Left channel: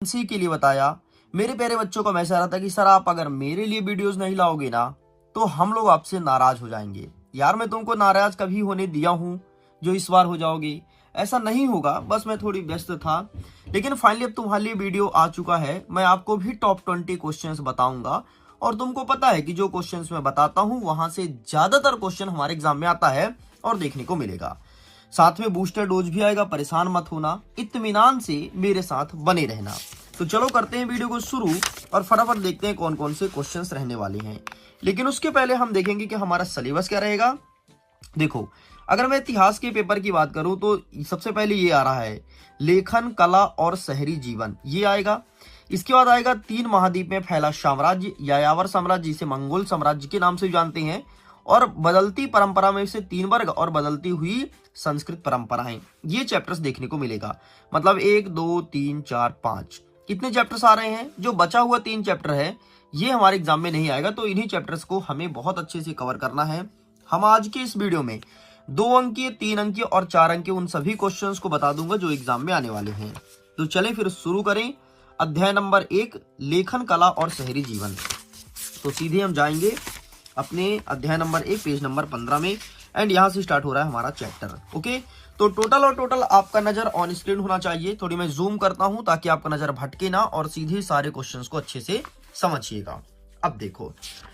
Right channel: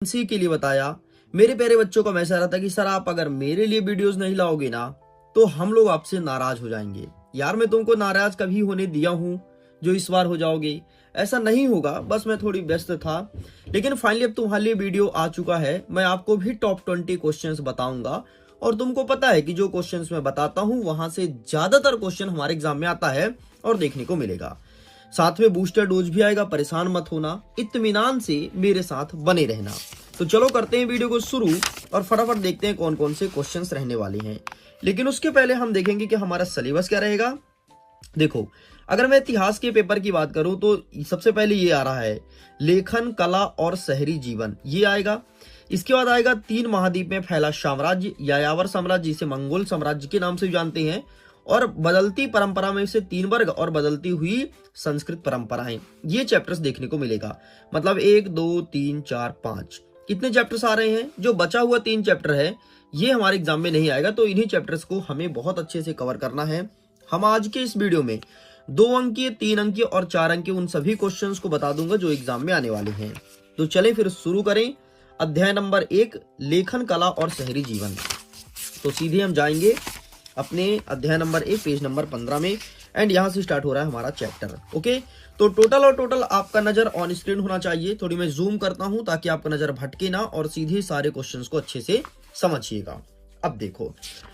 इसी के लिए बताया। मेरे प्यारे बच्चों को मैसेज आ रहा था कि सर आप अगर मेरे लिए वीडियोस नहीं लाओगे ना तो हम लोग आपसे नाराज हो जाएंगे। यार मैं तुमको नाराज कभी होने दिया हूँ जो इस बार हो जाओगे? ऐसा नहीं होगा, बस मैं थोड़ी व्यस्त था। लेकिन फाइनली अब तुम्हारे लिए वीडियो आ चुका है। मैं आपको भी टॉप 20 क्वेश्चंस बताऊंगा और तुमको पता है कि जो क्वेश्चंस मैं बताता हूँ वहां से ज्यादातर क्वेश्चन हमारे एग्जाम में आता है और देखने को मिलेगा। साथ में बूस्टर डोज भी आएगा, परेशान मत होना, इत्मीनान से मेरे साथ बने रहना। तो चलो करते हैं वीडियो को शुरू और फटाफट देखते हैं कौन कौन से क्वेश्चंस रहने वाले हैं। लेकिन उसके पहले हम देखेंगे कि हमारा सिलेबस क्या रहेगा। देखो, अगर मैं इतिहास के पेपर की बात करूं तो सबसे पहले ये आ रहा है लेखन कला और शहरी जीवन, ये आएगा। इसके बाद आएगा 3 महाद्वीप में फैला साम्राज्य, यायावर साम्राज्य जिसे मंगोल साम्राज्य के नाम से जानते हैं, और बदलती परंपरा में से 3 वर्ग और बदलती हुई संस्कृत परंपराएं। ये चैप्टर्स देखने को मिलेगा। मतलब 1 2 3 4 5 कितने चैप्टर्स आ रहे हैं? जो बचा हुआ 3 चैप्टर है ये हमारे एग्जाम में नहीं आएगा, तो इन्हीं चैप्टर्स को हमें बहुत अच्छे से कवर करना है। हम आज के इस वीडियो में 2 अंकीय, 3 अंकीय और 4 अंकीय उन सभी क्वेश्चंस को बता दूंगा जो एग्जाम में आने वाले हैं। तो चलें फिर शुरू करें। अध्याय नंबर 1 लेखन कला और शहरी जीवन। तो सीधे हम जाएंगे अपने अध्याय नंबर 1 पेज नंबर 15 में एंड यहां से स्टार्ट हो रहा है हमारा चैप्टर। ओके, तो टोटल आपका नजर ऑन स्क्रीन होना चाहिए। थोड़ी मैं जूम करता हूं ताकि आपका नजर भटके ना और सीधे सारे क्वेश्चंस को अच्छे से समझिएगा। अब देखो,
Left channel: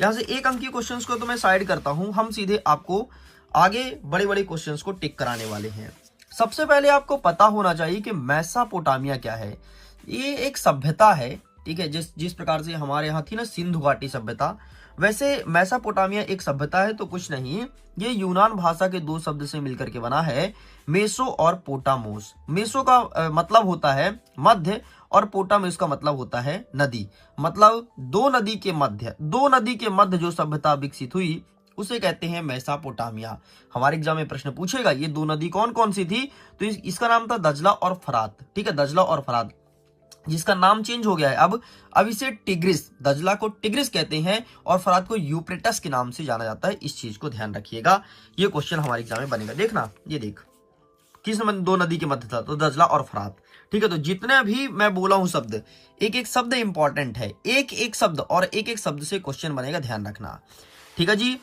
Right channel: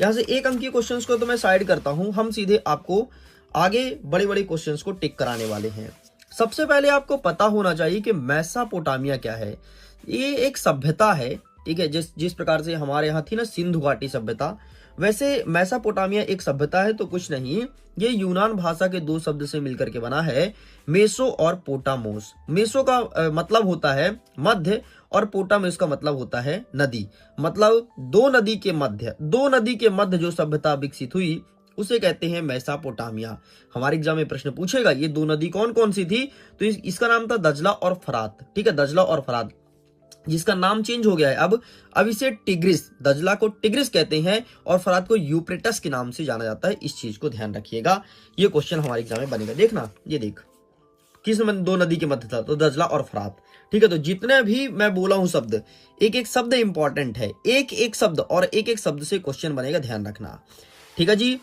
यहां से 1 अंक के क्वेश्चंस को तो मैं साइड करता हूं, हम सीधे आपको आगे बड़े बड़े क्वेश्चंस को टिक कराने वाले हैं। सबसे पहले आपको पता होना चाहिए कि मेसोपोटामिया क्या है। ये एक सभ्यता है, ठीक है। जिस प्रकार से हमारे यहाँ थी ना सिंधु घाटी सभ्यता, वैसे मेसोपोटामिया एक सभ्यता है तो कुछ नहीं। ये यूनान भाषा के 2 शब्द से मिलकर के बना है, मेसो और पोटामोस। मेसो का मतलब होता है मध्य और पोटामोस का मतलब होता है नदी। मतलब 2 नदी के मध्य जो सभ्यता विकसित हुई उसे कहते हैं मेसोपोटामिया। हमारे एग्जाम में प्रश्न पूछेगा ये 2 नदी कौन कौन सी थी, तो इसका नाम था दजला और फरात, ठीक है। दजला और फरात, जिसका नाम चेंज हो गया है अब इसे टिग्रिस, दजला को टिग्रिस कहते हैं और फरात को यूफ्रेटस के नाम से जाना जाता है। इस चीज को ध्यान रखिएगा, ये क्वेश्चन हमारे एग्जाम में बनेगा। देखना, ये देख किस 2 नदी के मध्य था, तो दजला और फरात, ठीक है। तो जितने भी मैं बोला हूं शब्द, एक एक शब्द इंपॉर्टेंट है, एक एक शब्द और एक एक शब्द से क्वेश्चन बनेगा, ध्यान रखना, ठीक है जी।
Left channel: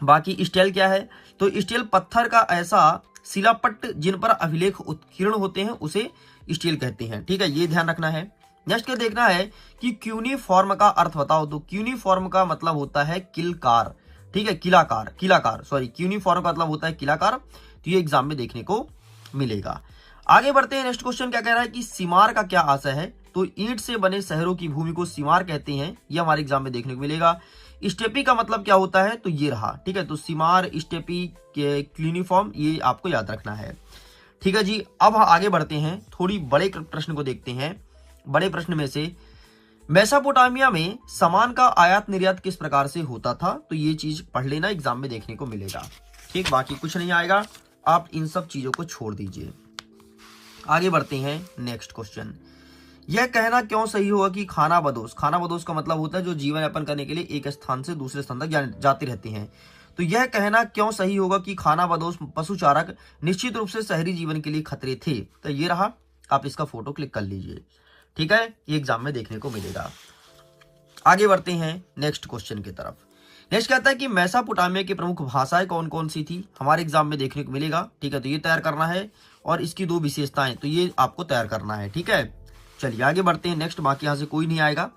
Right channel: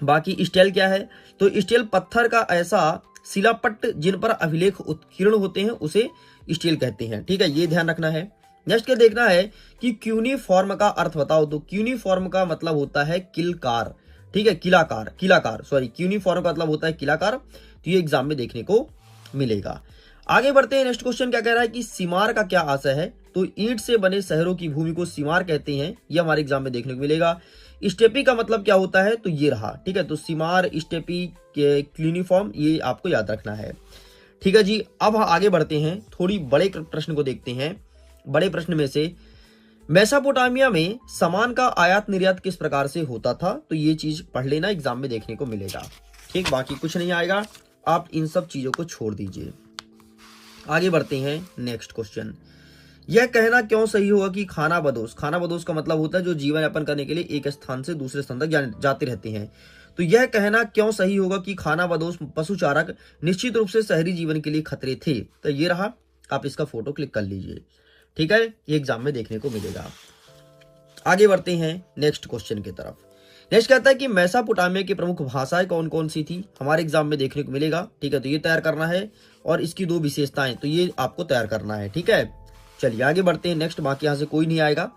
बाकी स्टेल क्या है, तो स्टेल पत्थर का ऐसा शिलापट्ट जिन पर अभिलेख उत्कीर्ण होते हैं उसे स्टील कहते हैं, ठीक है। ये ध्यान रखना है। नेक्स्ट क्या देखना है कि क्यूनिफॉर्म का अर्थ बताओ, तो क्यूनिफॉर्म का मतलब होता है किलकार, ठीक है। किलाकार सॉरी, क्यूनिफॉर्म का मतलब होता है किलाकार। तो ये एग्जाम में देखने को मिलेगा। आगे बढ़ते हैं। नेक्स्ट क्वेश्चन क्या कह रहा है कि सीमार का क्या आशय है, तो ईंट से बने शहरों की भूमि को सीमार कहते हैं, ये हमारे एग्जाम में देखने को मिलेगा। स्टेपी का मतलब क्या होता है, तो ये रहा, ठीक है। तो सीमार, स्टेपी, क्यूनिफॉर्म, ये आपको याद रखना है, ठीक है जी। अब आगे बढ़ते हैं, थोड़ी बड़े प्रश्न को देखते हैं। बड़े प्रश्न में से मेसोपोटामिया में सामान का आयात निर्यात किस प्रकार से होता था, तो ये चीज पढ़ लेना, एग्जाम में देखने को मिलेगा, ठीक। बाकी कुछ नहीं आएगा, आप इन सब चीजों को छोड़ दीजिए। आगे बढ़ते हैं। नेक्स्ट क्वेश्चन, यह कहना क्यों सही होगा कि खानाबदोश का मतलब होता है जो जीवन यापन करने के लिए एक स्थान से दूसरे स्थान तक जाते रहते हैं। तो यह कहना क्यों सही होगा कि खानाबदोश पशुचारक निश्चित रूप से शहरी जीवन के लिए खतरे थे, तो ये रहा, आप इसका फोटो क्लिक कर लीजिए, ठीक है। ये एग्जाम में देखने को मिलेगा। आगे बढ़ते हैं नेक्स्ट क्वेश्चन की तरफ। नेक्स्ट कहता है कि मेसोपोटामिया की प्रमुख भाषाएं कौन कौन सी थी, हमारे एग्जाम में देखने को मिलेगा, ठीक है। तो ये तैयार करना है और इसकी 2 विशेषताएं, तो ये आपको तैयार करना है, ठीक है। चलिए आगे बढ़ते हैं। नेक्स्ट, बाकी यहां से कोई नहीं आएगा।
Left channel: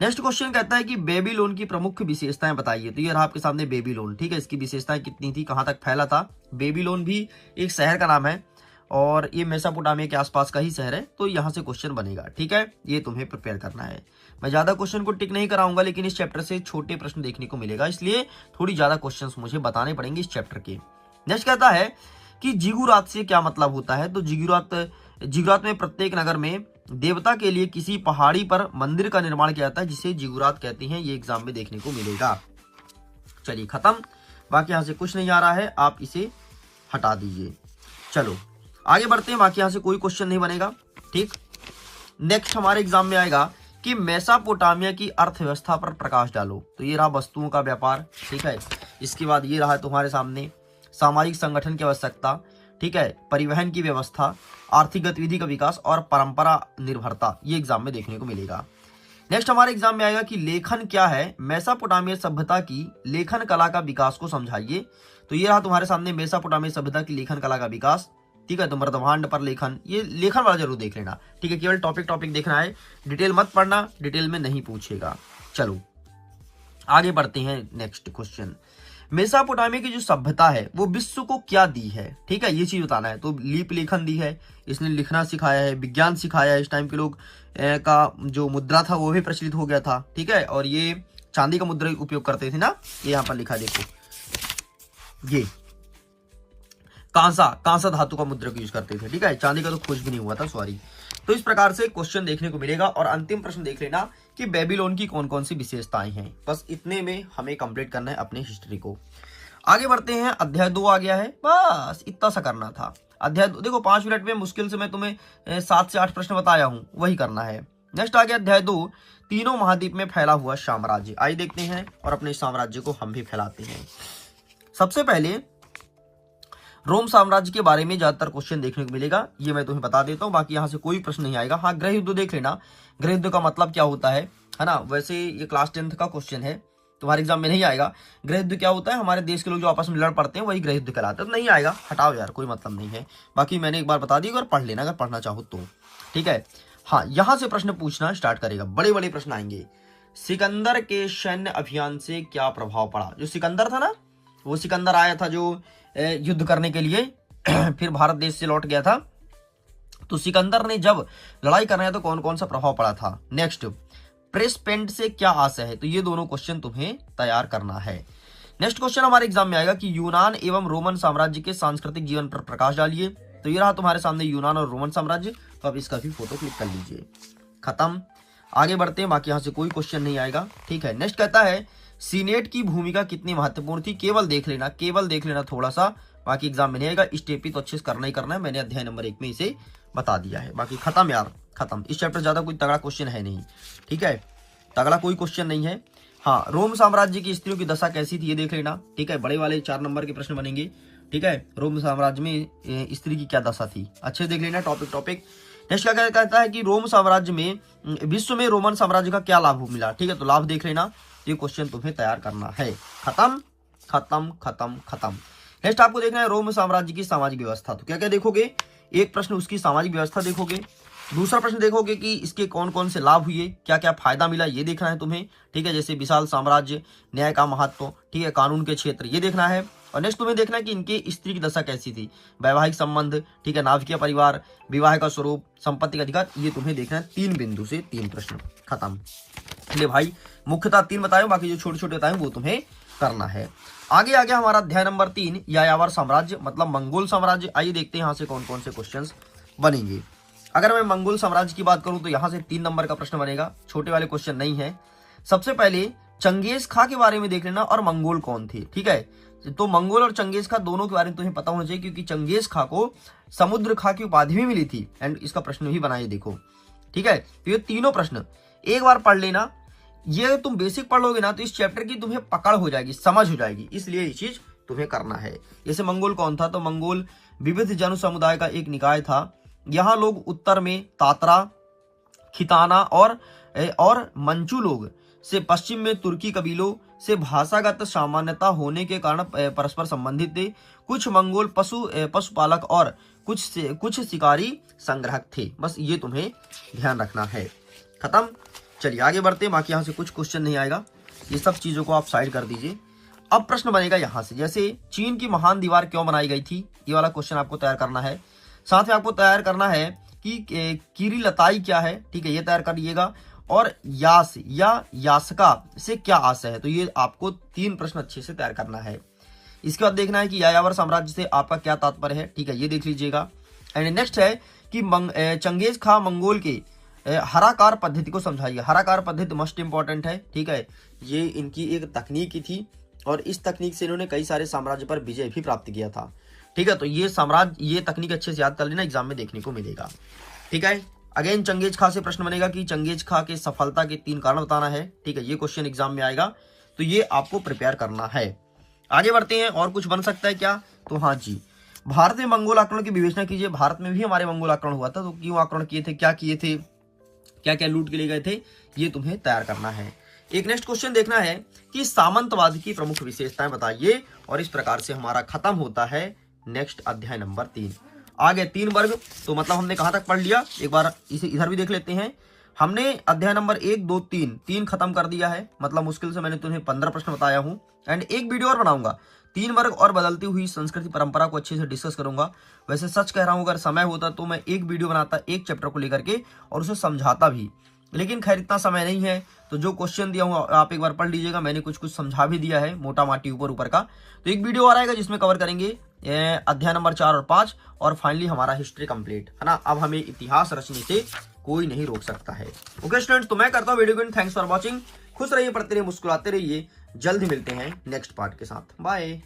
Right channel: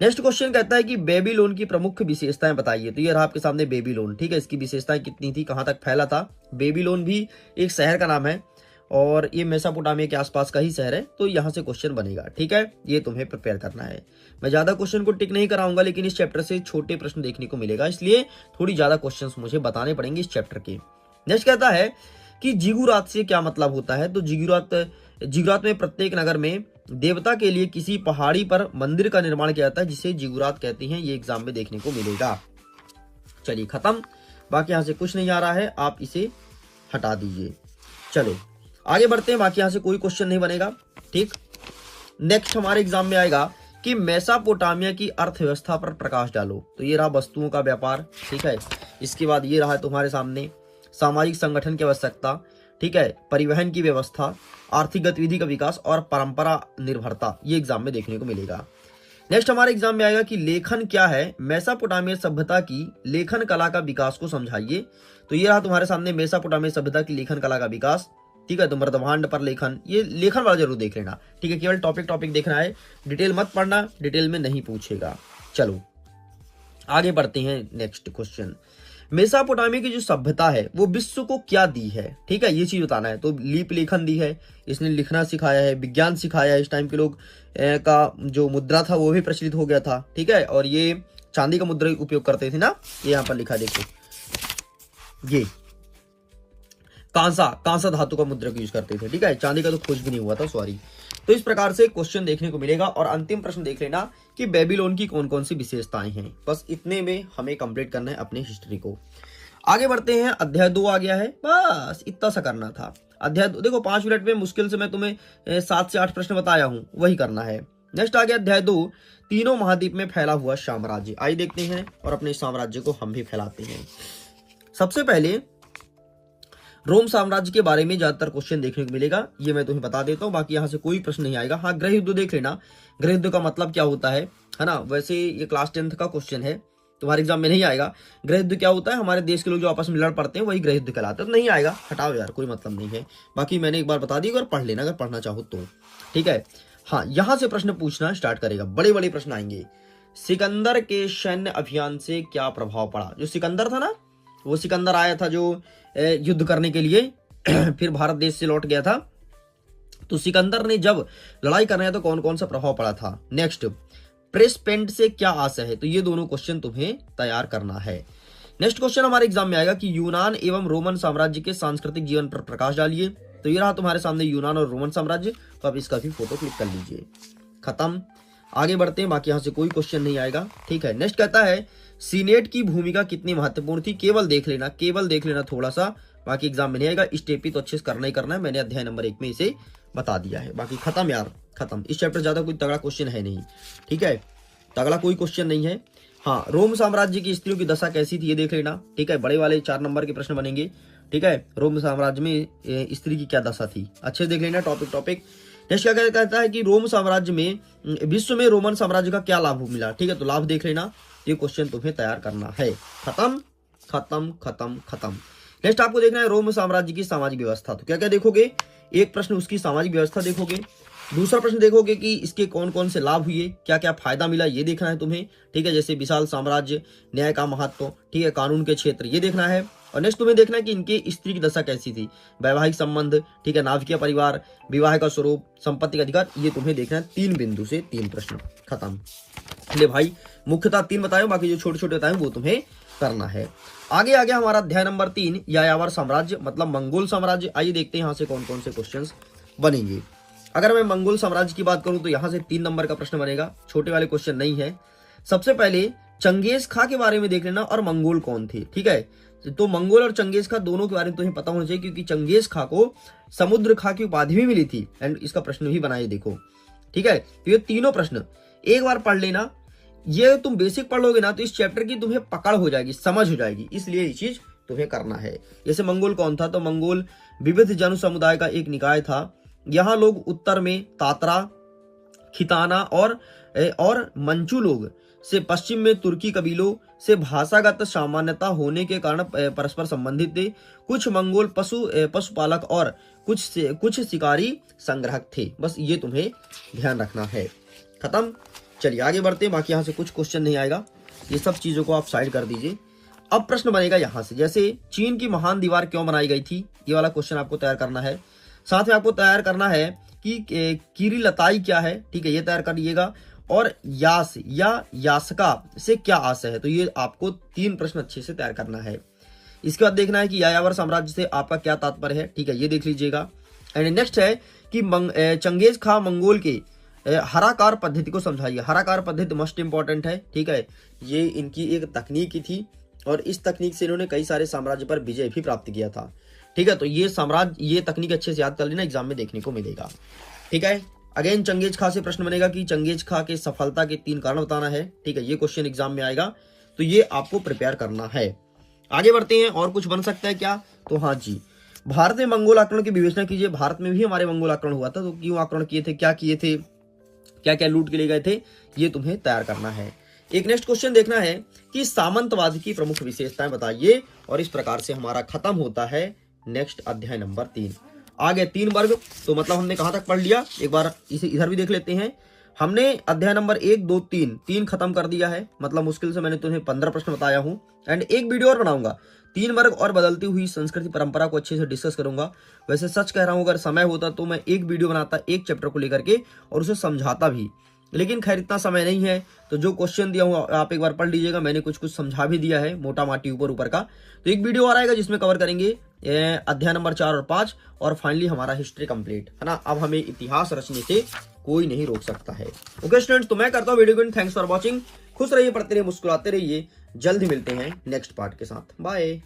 नेक्स्ट क्वेश्चन कहता है कि बेबीलोन की प्रमुख विशेषताएं बताइए, तो ये रहा आपके सामने बेबीलोन, ठीक है। इसकी विशेषताएं कितनी थी, कहां तक फैला था। बेबीलोन भी एक शहर का नाम है और ये मेसोपोटामिया के आसपास का ही शहर है, तो यहां से क्वेश्चन बनेगा, ठीक है। ये तुम्हें प्रिपेयर करना है। मैं ज्यादा क्वेश्चन को टिक नहीं कराऊंगा, लेकिन इस चैप्टर से छोटे प्रश्न देखने को मिलेगा, इसलिए थोड़ी ज्यादा क्वेश्चन मुझे बताने पड़ेंगे इस चैप्टर के। नेक्स्ट कहता है कि जिगुरात से क्या मतलब होता है, तो जिगुरात में प्रत्येक नगर में देवता के लिए किसी पहाड़ी पर मंदिर का निर्माण किया जाता है जिसे जिगुरात कहते हैं, ये एग्जाम में देखने को मिलेगा। चलिए खत्म, बाकी यहां से कुछ नहीं आ रहा है, आप इसे हटा दीजिए। चलो आगे बढ़ते हैं, बाकी यहां से कोई क्वेश्चन नहीं बनेगा, ठीक। नेक्स्ट हमारे एग्जाम में आएगा कि मेसोपोटामिया की अर्थव्यवस्था पर प्रकाश डालो, तो ये रहा वस्तुओं का व्यापार, ठीक है। इसके बाद ये रहा तुम्हारे सामने सामाजिक संगठन की आवश्यकता, ठीक है, परिवहन की व्यवस्था, आर्थिक गतिविधि का विकास और परंपरा निर्भरता, ये एग्जाम में देखने को मिलेगा। नेक्स्ट हमारे एग्जाम में आएगा कि लेखन क्या है, मेसोपोटामिया सभ्यता की लेखन कला का विकास को समझाइए। तो ये रहा तुम्हारे सामने मेसोपोटामिया सभ्यता की लेखन कला का विकास, ठीक है। तो मृदभांड पर लेखन, ये लेखन वाला जरूर देख लेना, ठीक है। केवल टॉपिक देखना है, डिटेल मत पढ़ना, डिटेल में नहीं पूछेगा। चलो आगे बढ़ते हैं। नेक्स्ट क्वेश्चन, मेसोपोटामिया की जो सभ्यता है वो विश्व को क्या दी है, ठीक है, ये चीज बताना है। तो लीप लेखन दी है, इसने लिखना सिखाया है, विज्ञान सिखाया है, इस टाइम के लोग का जो मुद्रा था वो भी प्रचलित हो गया था, ठीक है। और ये चांदी का मुद्रा उपयोग करते थे ना, ये यहाँ पर लिखा देखो, ये कांसा धातु का मुद्रा यूज करते थे, ठीक है। चांदी का तो खोज भी नहीं हुआ था, सॉरी। तो इस प्रकार से क्वेश्चन देखने को मिलेगा। और अंतिम प्रश्न देख लेना कि बेबीलोन की कौन कौन सी विशेषताएं हैं। बस इतने में हमें कंप्लीट करना है अपनी हिस्ट्री को। आगे बढ़ते हैं, अध्याय 2 आ गया है, बस इतना सा करना था। अध्याय 2 देखो 5 मिनट में मुश्किल से मैं तुम्हें 7 से 8 प्रश्न बताया हूं, वही करना है। नेक्स्ट आ गया अध्याय 2, तीनों महाद्वीप में फैला हुआ साम्राज्य। आइए देखते हैं और अपने साम्राज्य को हम भी फैलाते हैं। सबसे पहले रोम साम्राज्य के बारे में ज्यादातर क्वेश्चन देखने को मिलेगा, ये मैं तुम्हें बता देता हूँ, बाकी यहाँ से कोई प्रश्न नहीं आएगा। हाँ, गृह युद्ध देख लेना, गृह युद्ध का मतलब क्या होता है ना। वैसे ये क्लास 10th का क्वेश्चन है, तुम्हारे एग्जाम में नहीं आएगा। गृह युद्ध क्या होता है, हमारे देश के लोग जो आपस में लड़ पड़ते हैं वही गृह युद्ध कहलाते हैं। तो नहीं आएगा, हटाओ यार, कोई मतलब नहीं है। बाकी मैंने एक बार बता दी, अगर पढ़ लेना, अगर पढ़ना चाहो तो, ठीक है। हाँ, यहां से प्रश्न पूछना स्टार्ट करेगा, बड़े बड़े प्रश्न आएंगे। सिकंदर के सैन्य अभियान से क्या प्रभाव पड़ा। जो सिकंदर था ना, वो सिकंदर आया था जो युद्ध करने के लिए फिर भारत देश से लौट गया था। तो सिकंदर ने जब लड़ाई करना है तो कौन कौन सा प्रभाव पड़ा था। नेक्स्ट, प्रेस पेंट से क्या आशय है। तो ये दोनों क्वेश्चन तुम्हें तैयार करना है। नेक्स्ट क्वेश्चन हमारे एग्जाम में आएगा कि यूनान एवं रोमन साम्राज्य के सांस्कृतिक जीवन पर प्रकाश डालिए। तो ये रहा तुम्हारे सामने यूनान और रोमन साम्राज्य। तो अब इसका भी फोटो क्लिक कर लीजिए। खत्म, आगे बढ़ते हैं, बाकी यहाँ से कोई क्वेश्चन नहीं आएगा, ठीक है। नेक्स्ट कहता है सीनेट की भूमिका कितनी महत्वपूर्ण थी। केवल देख लेना थोड़ा सा, बाकी एग्जाम में नहीं आएगा। स्टेप ही तो अच्छे से करना ही करना है, मैंने अध्याय नंबर 1 में इसे बता दिया है। बाकी खत्म यार, खत्म। इस चैप्टर ज्यादा कोई तगड़ा क्वेश्चन है नहीं, ठीक है, तगड़ा कोई क्वेश्चन नहीं है। हाँ, रोम साम्राज्य की स्त्रियों की दशा कैसी थी ये देख लेना, ठीक है। बड़े वाले 4 नंबर के प्रश्न बनेंगे, ठीक है। रोम साम्राज्य में स्त्री की क्या दशा थी, अच्छे देख लेना, टॉपिक। नेक्स्ट क्या कहता है कि रोम साम्राज्य में विश्व में रोमन साम्राज्य का क्या लाभ मिला, ठीक है। तो लाभ देख लेना, ये क्वेश्चन तुम्हें तैयार करना है। खत्म। नेक्स्ट आपको देखना है रोम साम्राज्य की सामाजिक व्यवस्था। तो क्या क्या देखोगे, एक प्रश्न उसकी सामाजिक व्यवस्था देखोगे, दूसरा प्रश्न देखोगे कि इसके कौन कौन से लाभ हुए, क्या क्या फायदा मिला, ये देखना है तुम्हें, ठीक है। जैसे विशाल साम्राज्य, न्याय का महत्व, ठीक है, कानून के क्षेत्र, ये देखना है। और नेक्स्ट तुम्हें देखना है कि इनके स्त्री की दशा कैसी थी, वैवाहिक संबंध, ठीक है, नाभिकीय परिवार, विवाह का स्वरूप, संपत्ति का अधिकार, ये तुम्हें देखना है। 3 बिंदु से 3 प्रश्न, खत्म। ले भाई, मुख्यतः 3 बताए, बाकी जो छोटे छोटे बताए वो तुम्हें करना है। आगे आ गया हमारा अध्याय नंबर 3, यायावर साम्राज्य मतलब मंगोल साम्राज्य। आइए देखते हैं यहाँ से कौन कौन से क्वेश्चंस बनेंगे। अगर मैं मंगोल साम्राज्य की बात करूं तो यहाँ से 3 नंबर का प्रश्न बनेगा, छोटे वाले क्वेश्चन नहीं है। सबसे पहले चंगेज खां के बारे में देख लेना और मंगोल कौन थे, ठीक है। तो मंगोल और चंगेज खां दोनों के बारे में तुम्हें पता होना चाहिए, क्योंकि चंगेज खां को समुद्र खां की उपाधि भी मिली थी। एंड इसका प्रश्न भी बनाइए देखो, ठीक है। तो ये तीनों प्रश्न एक बार पढ़ लेना, ये तुम बेसिक पढ़ लोगे ना तो इस चैप्टर की तुम्हें पकड़ हो जाएगी, समझ हो जाएगी, इसलिए ये चीज तुम्हें करना है। जैसे मंगोल कौन था, तो मंगोल विविध जन समुदाय का एक निकाय था। यहाँ लोग उत्तर में तातरा, खिताना और मंचू लोग से, पश्चिम में तुर्की कबीलों से भाषागत सामान्यता होने के कारण परस्पर संबंधित थे। कुछ मंगोल पशुपालक और कुछ शिकारी संग्राहक थे। बस ये तुम्हें ध्यान रखना है। खत्म, चलिए आगे बढ़ते हैं। बाकी यहाँ से कुछ क्वेश्चन नहीं आएगा, ये सब चीजों को आप साइड कर दीजिए। अब प्रश्न बनेगा यहाँ से, जैसे चीन की महान दीवार क्यों बनाई गई थी, ये वाला क्वेश्चन आपको तैयार करना है। साथ में आपको तैयार करना है कि किरीलताई क्या है, ठीक है, ये तैयार करिएगा। और यास या यासका से क्या आशय है, तो ये आपको 3 प्रश्न अच्छे से तैयार करना है। इसके बाद देखना है कि यायावर साम्राज्य से आपका क्या तात्पर्य है, ठीक है, ये देख लीजिएगा। एंड नेक्स्ट है कि चंगेज खां मंगोल के हराकार पद्धति को समझाइए। हराकार पद्धति मोस्ट इंपॉर्टेंट है, ठीक है, ये इनकी एक तकनीक थी और इस तकनीक से इन्होंने कई सारे साम्राज्य पर विजय भी प्राप्त किया था, ठीक है। तो ये तकनीक अच्छे से याद कर लेना, एग्जाम में देखने को मिलेगा, ठीक है। अगेन चंगेज खां से प्रश्न बनेगा कि चंगेज खां के सफलता के 3 कारण बताना है, ठीक है, ये क्वेश्चन एग्जाम में आएगा, तो ये आपको प्रिपेयर करना है। आगे बढ़ते हैं, और कुछ बन सकता है क्या, तो हाँ जी, भारत में मंगोल आक्रमण की विवेचना कीजिए। भारत में भी हमारे मंगोल आक्रमण हुआ था, तो क्यों आक्रमण किए थे, क्या किए थे, क्या क्या लूट के ले गए थे, ये तुम्हें तैयार करना है। एक नेक्स्ट क्वेश्चन देखना है कि सामंतवाद की प्रमुख विशेषताएं बताइए, और इस प्रकार से हमारा खत्म होता है नेक्स्ट अध्याय नंबर 3। आगे 3 वर्ग, तो मतलब हमने कहां तक पढ़ लिया, एक बार इसे इधर भी देख लेते हैं। हमने अध्याय नंबर 1, 2, 3 खत्म कर दिया है, मतलब मुश्किल से मैंने तुम्हें 15 प्रश्न बताया हूं। एंड एक वीडियो और बनाऊंगा, 3 वर्ग और बदलती हुई संस्कृति परंपरा को अच्छे से डिस्कस करूंगा। वैसे सच कह रहा हूं, अगर समय होता तो मैं एक वीडियो बनाता एक चैप्टर को लेकर के और उसे समझाता भी, लेकिन खैर इतना समय नहीं है। तो जो क्वेश्चन दिया हूं आप एक बार पढ़ लीजिएगा, मैंने कुछ कुछ समझा भी दिया है मोटा माटी ऊपर ऊपर का। तो एक वीडियो और आएगा जिसमें कवर करेंगे अध्याय नंबर 4 और 5, और फाइनली हमारा हिस्ट्री कंप्लीट है ना। अब हमें इतिहास रचने से कोई नहीं रोक सकता है। ओके स्टूडेंट्स, तो मैं करता हूँ वीडियो को, थैंक्स फॉर वॉचिंग। खुश रहिए, पढ़ते रहिए, मुस्कुराते रहिए। जल्द ही मिलते हैं नेक्स्ट पार्ट के साथ। बाय।